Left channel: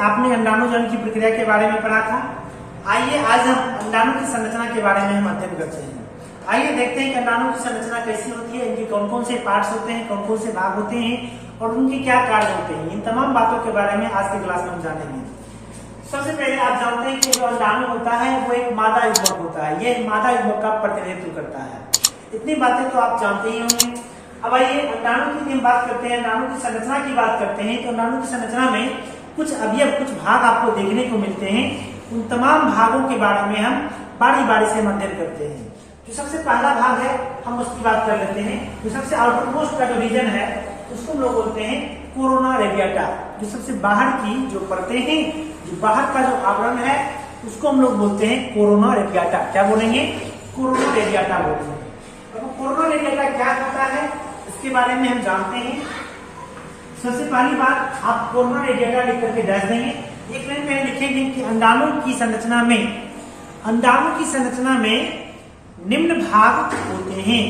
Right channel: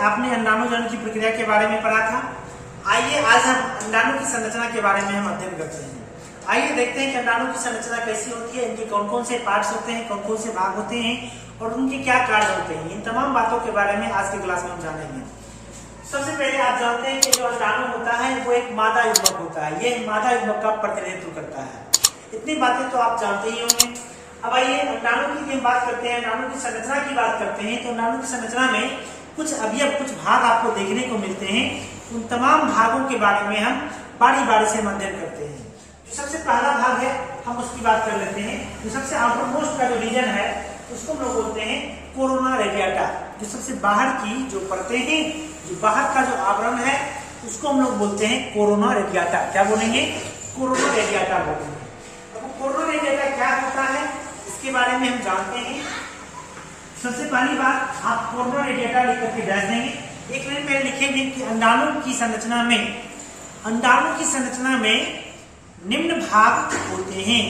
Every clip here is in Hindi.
आपने अंडाणुजनन की प्रक्रिया के बारे में पढ़ा था। आइए आज हम अंडाणु की संरचना के बारे में हम अध्ययन करते हैं। आइए देखते हैं कि अंडाणु की संरचना कैसी होती है, इनके कौन कौन से पार्ट्स होते हैं, कौन कौन से भाग होते हैं और उनके क्या कार्य होते हैं। इन तमाम बातों के बारे में आज के क्लास में हम जानेंगे। सबसे पहले आप जानते हैं कि जो अंडाणु होता है वो एक मादा युग्मक होता है। यह मादा युग्मक का प्रतिनिधित्व करता है। इतनी बातें तो आप जानते ही होंगे। अब आइए अंडाणु की हम बात करते हैं, अंडाणु की संरचना की बात करते हैं। तो अंडाणु की संरचना में कुछ अवयव, कुछ भाग आपको देखने को मिलते हैं। उन तमाम भागों के बारे में हम बारी बारी से अध्ययन करते हैं। जो सबसे पहला भाग है हम उसकी बात कर लेते हैं। जो सबसे आउटर मोस्ट का जो रीजन है उसको हम लोग बोलते हैं कोरोना रेडिएटा। जो सबसे बाहर की जो परतें हैं, जो बाहर का जो आवरण है उसको हम लोग बोलते हैं कोरोना रेडिएटा। क्या बोलेंगे? कोरोना रेडिएटा बोलेंगे। अब कोरोना रेडिएटा क्या होता है इसके बारे में हम जानते हैं। सबसे पहली बात आप कोरोना रेडिएटा लिख करके डैश देंगे। एक लाइन में लिखेंगे कि अंडाणु की संरचना में निम्न भाग होते हैं।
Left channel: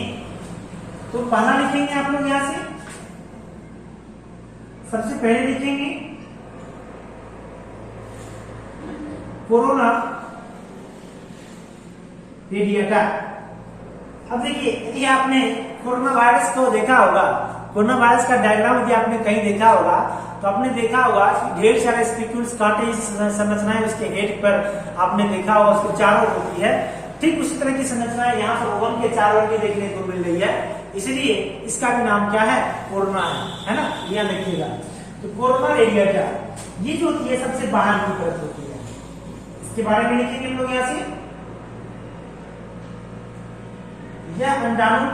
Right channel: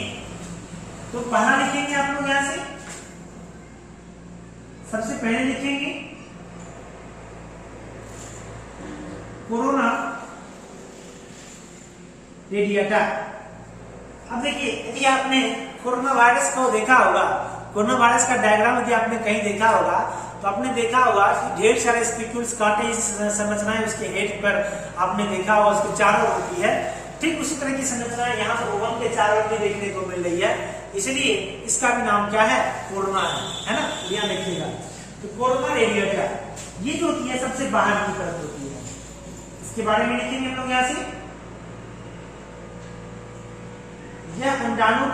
तो पहला लिखेंगे आप लोग यहां से, सबसे पहले लिखेंगे कोरोना रेडिएटा। अब देखिए, यदि आपने कोरोना वायरस को देखा होगा, कोरोना वायरस का डायग्राम यदि आपने कहीं देखा होगा तो आपने देखा होगा ढेर सारे स्पिक्यूल्स, कांटे संरचनाएं उसके हेड पर आपने देखा होगा, उसके चारों ओर होती है। ठीक उसी तरह की संरचनाएं यहाँ पर ओवम के चारों ओर देखने को मिल रही है। इसलिए इसका भी नाम क्या है? कोरोना है ना। यहाँ देखिएगा तो कोरोना रेडिएटा ये जो होती है सबसे बाहर की तरफ होती है। इसके बारे में लिखेंगे हम लोग यहाँ से, यह अंडाणु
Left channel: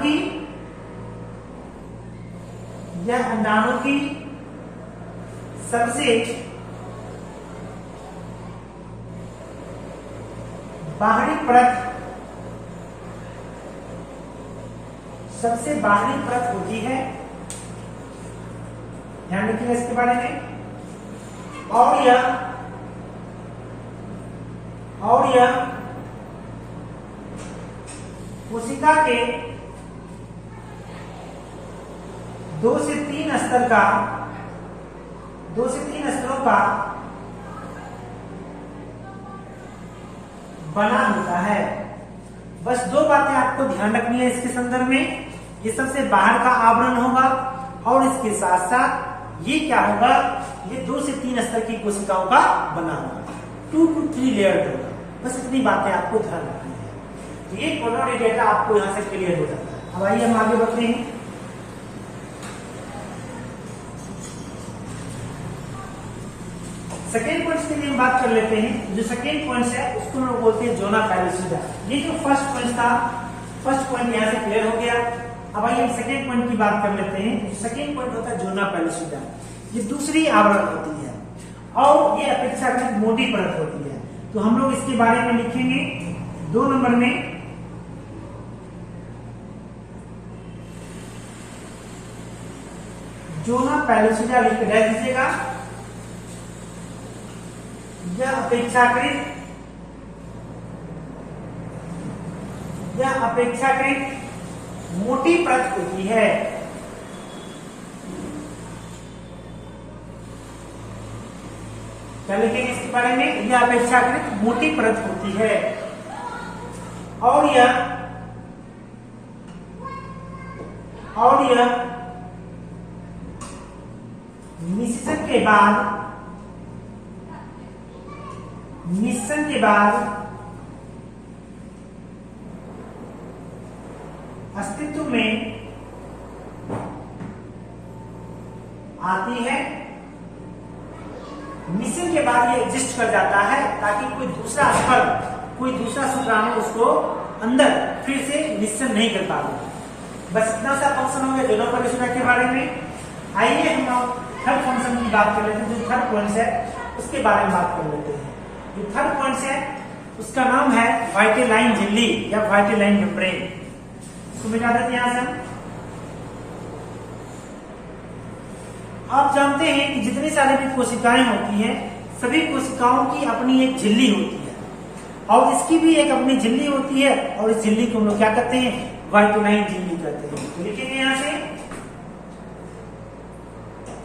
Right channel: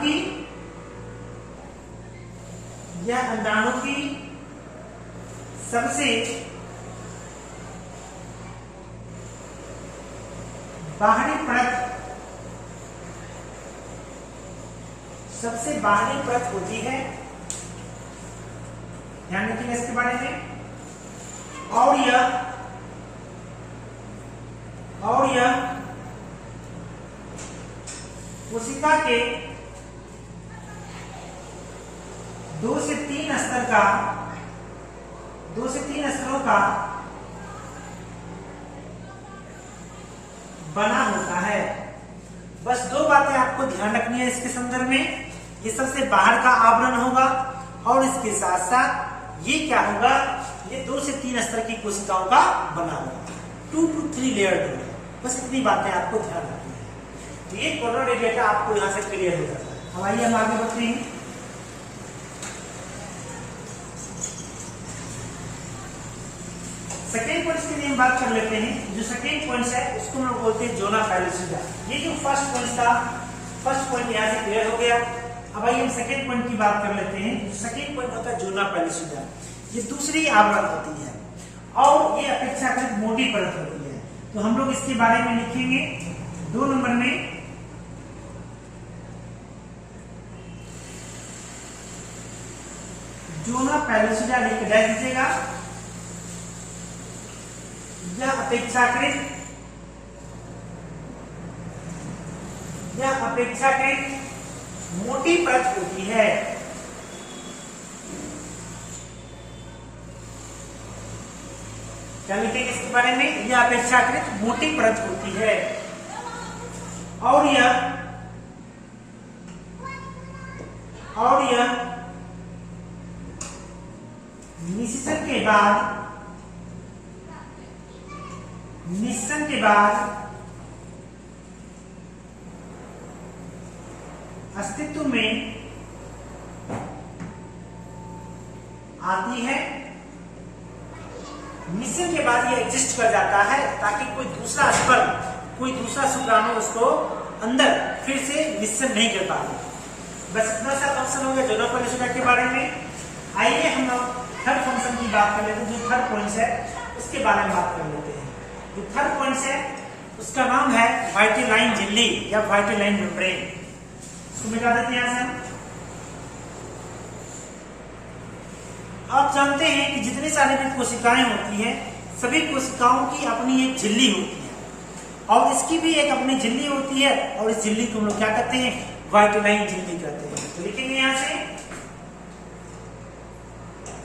की सबसे बाहरी परत होती है। ध्यान रखिएगा इसके बारे में। और यह कोशिका के 2 से 3 स्तरों का बना होता है। बस 2 बातें आपको ध्यान रखनी है इसके संदर्भ में। ये सबसे बाहर का आवरण होगा और इसके साथ साथ ये क्या होगा? ये 2 से 3 स्तर की कोशिकाओं का बना होगा। 2 to 3 लेयर्ड होगा। बस इतनी बातें आपको ध्यान रखनी है। तो ये कोरोना रेडिएटा आपको यहां से क्लियर हो जाता है। अब आइए हम आगे बढ़ते हैं। सेकेंड पॉइंट के लिए हम बात कर लेते हैं। जो सेकेंड पॉइंट है उसको हम बोलते हैं जोना पैलिसिडा। ये जो फर्स्ट पॉइंट था, फर्स्ट पॉइंट यहाँ से क्लियर हो गया। अब आइए हम सेकेंड पॉइंट की बात कर लेते हैं। सेकेंड पॉइंट होता है जोना पैलिसिडा। ये दूसरी आवरण होती है और ये अपेक्षाकृत मोटी परत होती है। तो हम लोग इसके बारे में लिखेंगे 2 नंबर में, जोना पैलिसिडा लिख कर दीजिएगा। यह अपेक्षाकृत मोटी परत होती है। क्या लिखेंगे इसके बारे में? यह अपेक्षाकृत मोटी परत होती है और यह निषेचन के बाद अस्तित्व में आती है। निषेचन के बाद ये एग्जिस्ट कर जाता है ताकि कोई दूसरा स्पर्म, कोई दूसरा शुक्राणु उसको अंदर फिर से निषेचन नहीं कर पाता। बस इतना सा फंक्शन हो गया जोना पैलिसिडा के बारे में। आइए हम लोग थर्ड फंक्शन की बात कर लेते हैं। जो थर्ड पॉइंट है उसके बारे में बात कर लेते हैं। जो थर्ड पॉइंट है उसका नाम है वाइटेलाइन झिल्ली या वाइटेलाइन मेम्ब्रेन। इसको मिटा देते हैं यहां से हम। आप जानते हैं कि जितनी सारी भी कोशिकाएं होती हैं, सभी कोशिकाओं की अपनी एक झिल्ली होती है और इसकी भी एक अपनी झिल्ली होती है और इस झिल्ली को हम लोग क्या कहते हैं? वाइटेलाइन झिल्ली कहते हैं। तो लिखेंगे यहां से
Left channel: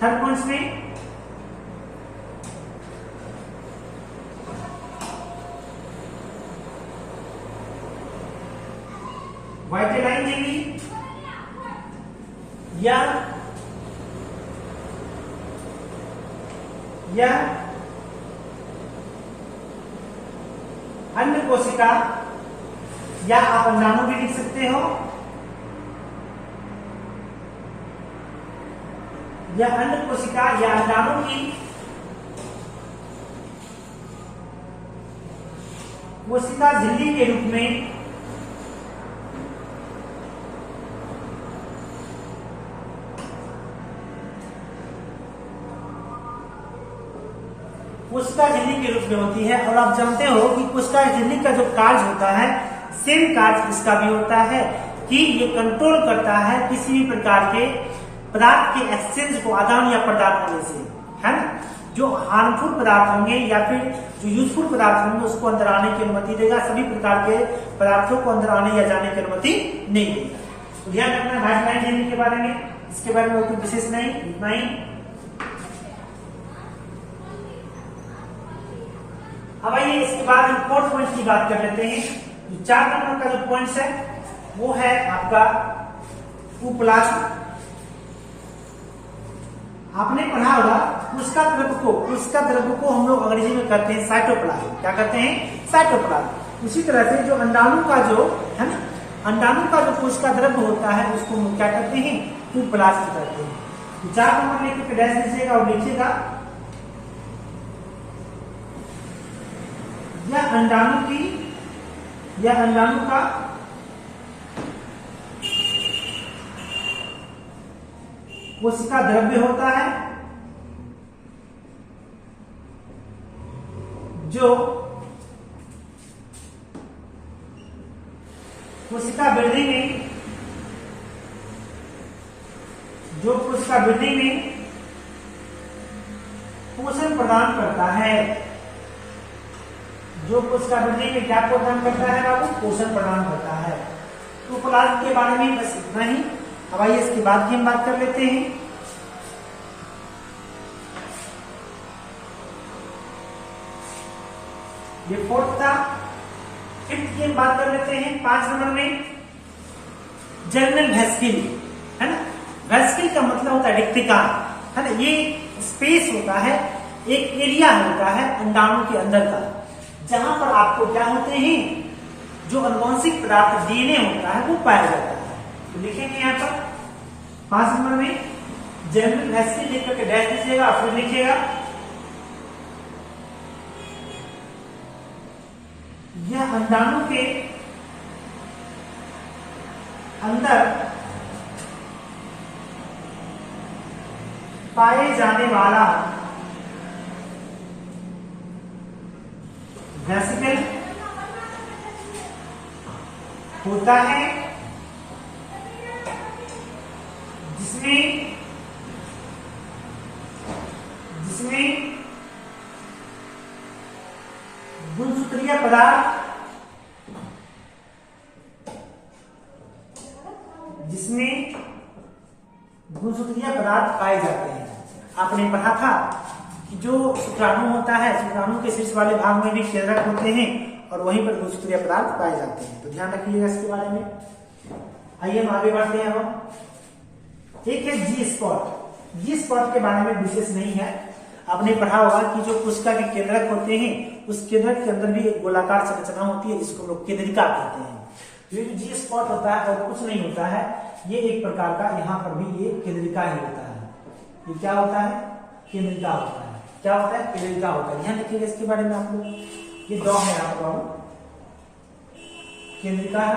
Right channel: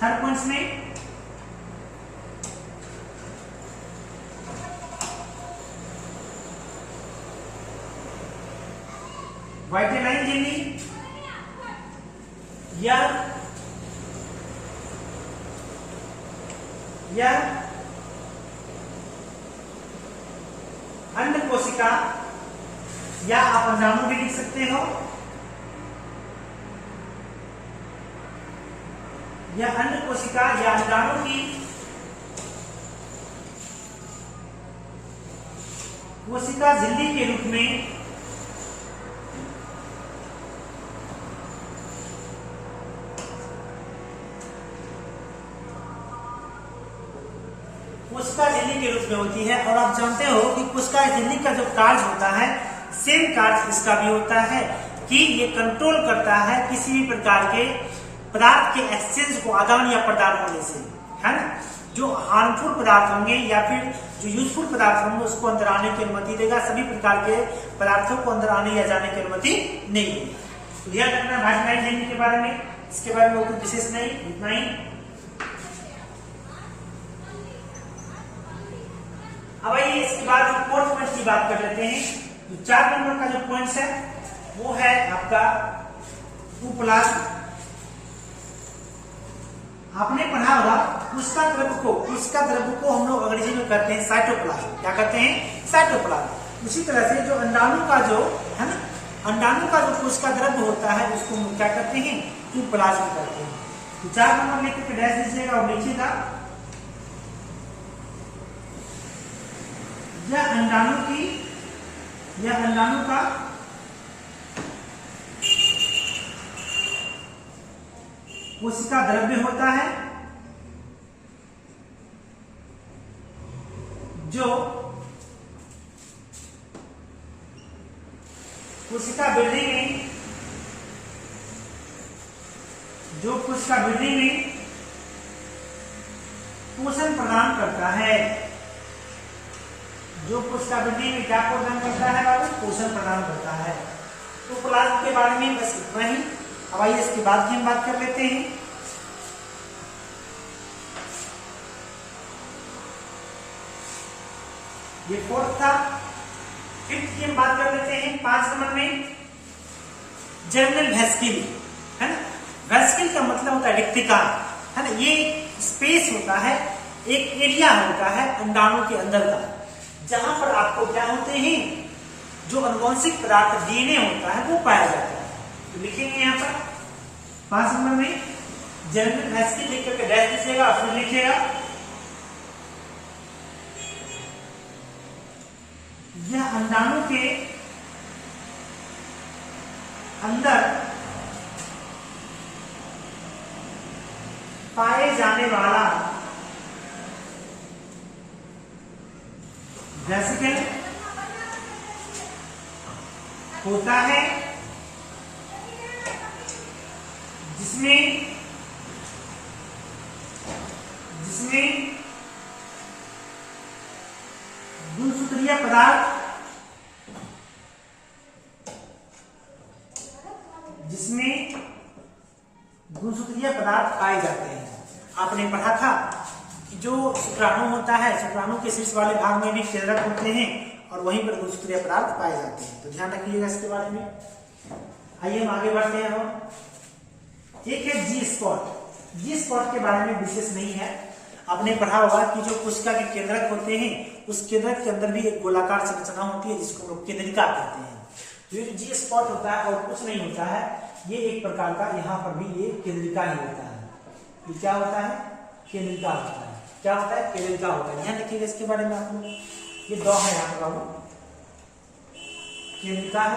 थर्ड पॉइंट में वाइटेलाइन झिल्ली या अन्य कोशिका, या आप अंडाणु भी लिख सकते हो, या अन्य कोशिका या अंडाणु की कोशिका झिल्ली के रूप में कोशिका झिल्ली के रूप में होती है। और आप जानते हो कि कोशिका झिल्ली का जो कार्य होता है, सेम कार्य इसका भी होता है कि ये कंट्रोल करता है किसी भी प्रकार के पदार्थ के एक्सचेंज को आदान या प्रदान होने से, है ना। जो हार्मफुल पदार्थ होंगे या फिर जो यूजफुल पदार्थ होंगे उसको अंदर आने की अनुमति देगा, सभी प्रकार के पदार्थों को अंदर आने या जाने की अनुमति नहीं देगा। तो ध्यान रखना वाइटेलाइन झिल्ली के बारे में, इसके बारे में कोई विशेष नहीं, इतना ही। अब आइए इसके बाद हम फोर्थ पॉइंट की बात कर लेते हैं। जो 4 नंबर का जो पॉइंट है वो है आपका उपप्लाज्म। आपने पढ़ा होगा कोशिका द्रव्य को हम लोग अंग्रेजी में कहते हैं साइटोप्लाज्म। क्या कहते हैं? साइटोप्लाज्म। उसी तरह से जो अंडाणु का जो है ना, अंडाणु का जो कोशिका द्रव्य होता है उसको हम लोग क्या कहते हैं? उपप्लाज्म कहते हैं। तो 4 नंबर लिख के डैश दीजिएगा और लिखिएगा यह अंडाणु का कोशिका द्रव्य होता है जो कोशिका वृद्धि में पोषण प्रदान करता है। जो कोशिका वृद्धि में क्या प्रदान करता है बाबू? पोषण प्रदान करता है। तो उपप्लाज्म के बारे में बस इतना ही। अब आइए इसके बाद की हम बात कर लेते हैं। ये फोर्थ था। फिफ्थ की हम बात कर लेते हैं 5 नंबर में, जर्मिनल वेसिकल, है ना। वेसिकल का मतलब होता है रिक्तिका, है ना। ये स्पेस होता है, एक एरिया होता है अंडाणु के अंदर का, जहां पर आपको क्या होते हैं, जो अनुवांशिक पदार्थ डीएनए होता है वो पाया जाता है। तो लिखेंगे यहाँ पर 5 नंबर में जर्मिनल वेसिकल लिख करके डैश दीजिएगा, फिर लिखिएगा यह अंडाणु के अंदर पाए जाने वाला वेसिकल होता है, जिसमें गुणसूत्रीय पदार्थ पाए जाते हैं। आपने पढ़ा था कि जो शुक्राणु होता है, शुक्राणु के शीर्ष वाले भाग में भी केंद्रक होते हैं और वहीं पर गुणसूत्रीय पदार्थ पाए जाते हैं। तो ध्यान रखिएगा इसके बारे में। आइए हम आगे बढ़ते हैं। एक है जी स्पॉट। जी स्पॉट के बारे में विशेष नहीं है। आपने पढ़ा होगा कि जो कोशिका के केंद्रक होते हैं उस केंद्रक के अंदर भी एक गोलाकार संरचना होती है जिसको लोग केंद्रिका कहते हैं। ये जी स्पॉट होता है और कुछ नहीं होता है, ये एक प्रकार का यहाँ पर भी ये केंद्रिका ही होता है। ये क्या होता है? केंद्रिका होता है। क्या होता है? केंद्रिका होता है। ध्यान रखिएगा इसके बारे में आप लोग। ये 2 है यहाँ पर बाबू, केंद्रिका है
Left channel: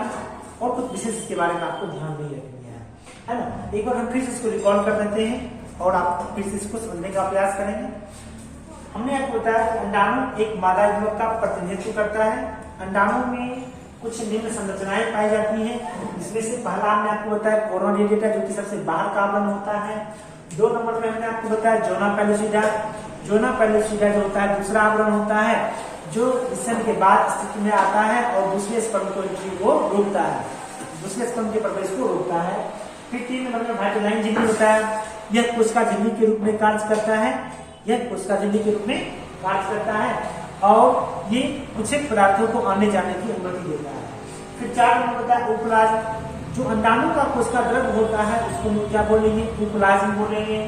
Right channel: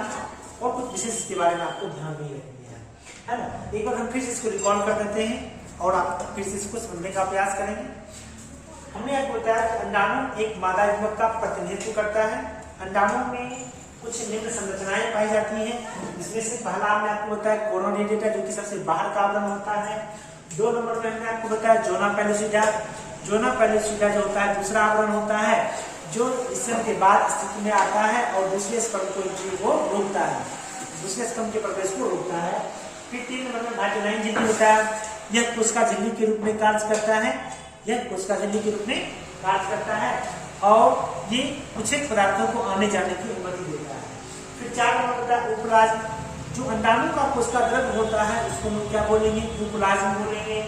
और कुछ विशेष इसके बारे में आपको ध्यान नहीं रखना है ना। एक बार हम फिर से इसको रिकॉल कर देते हैं और आप फिर से इसको समझने का प्रयास करेंगे। हमने आपको बताया कि अंडाणु एक मादा युग्मक का प्रतिनिधित्व करता है। अंडाणु में कुछ निम्न संरचनाएं पाई जाती हैं, जिसमें से पहला हमने आपको बताया कोरोना रेडिएटा, जो कि सबसे बाहर का आवरण होता है। 2 नंबर में हमने आपको बताया जोना पेलुसिडा। जोना पेलुसिडा जो होता है दूसरा आवरण होता है, जो स्तन के बाद स्थिति में आता है और दूसरे स्पर्म को एंट्री को रोकता है, दूसरे स्पर्म के प्रवेश को रोकता है। फिर 3 नंबर में वाइटेलाइन झिल्ली होता है। यह कोशिका झिल्ली के रूप में कार्य करता है, यह कोशिका झिल्ली के रूप में कार्य करता है और ये कुछ पदार्थों को आने जाने की अनुमति देता है। फिर 4 नंबर होता है उपप्लाज्म। जो अंडाणु का कोशिका द्रव्य होता है उसको हम क्या बोलेंगे, प्रोटोप्लाज्म बोलेंगे।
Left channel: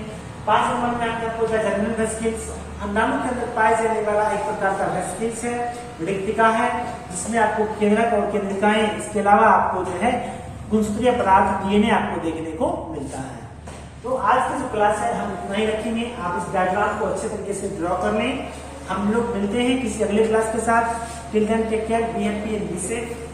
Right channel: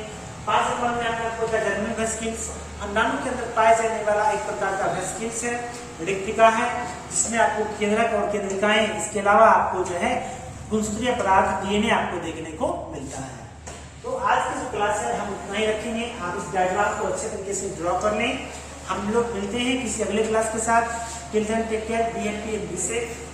5 नंबर में आपको जर्मिनल वेसिकल्स, अंडाणु के अंदर पाए जाने वाला एक प्रकार का वेसिकल्स है, रिक्तिका है, जिसमें आपको केंद्रक और केंद्रिकाएं, इसके अलावा आपको जो है गुणसूत्रीय पदार्थ डीएनए आपको देखने को मिलता है। तो आज की जो क्लास है हम उतना ही रखेंगे। आप इस डायग्राम को अच्छे तरीके से ड्रॉ कर लें। हम लोग मिलते हैं किसी अगले क्लास के साथ। Till then take care, be happy and be safe.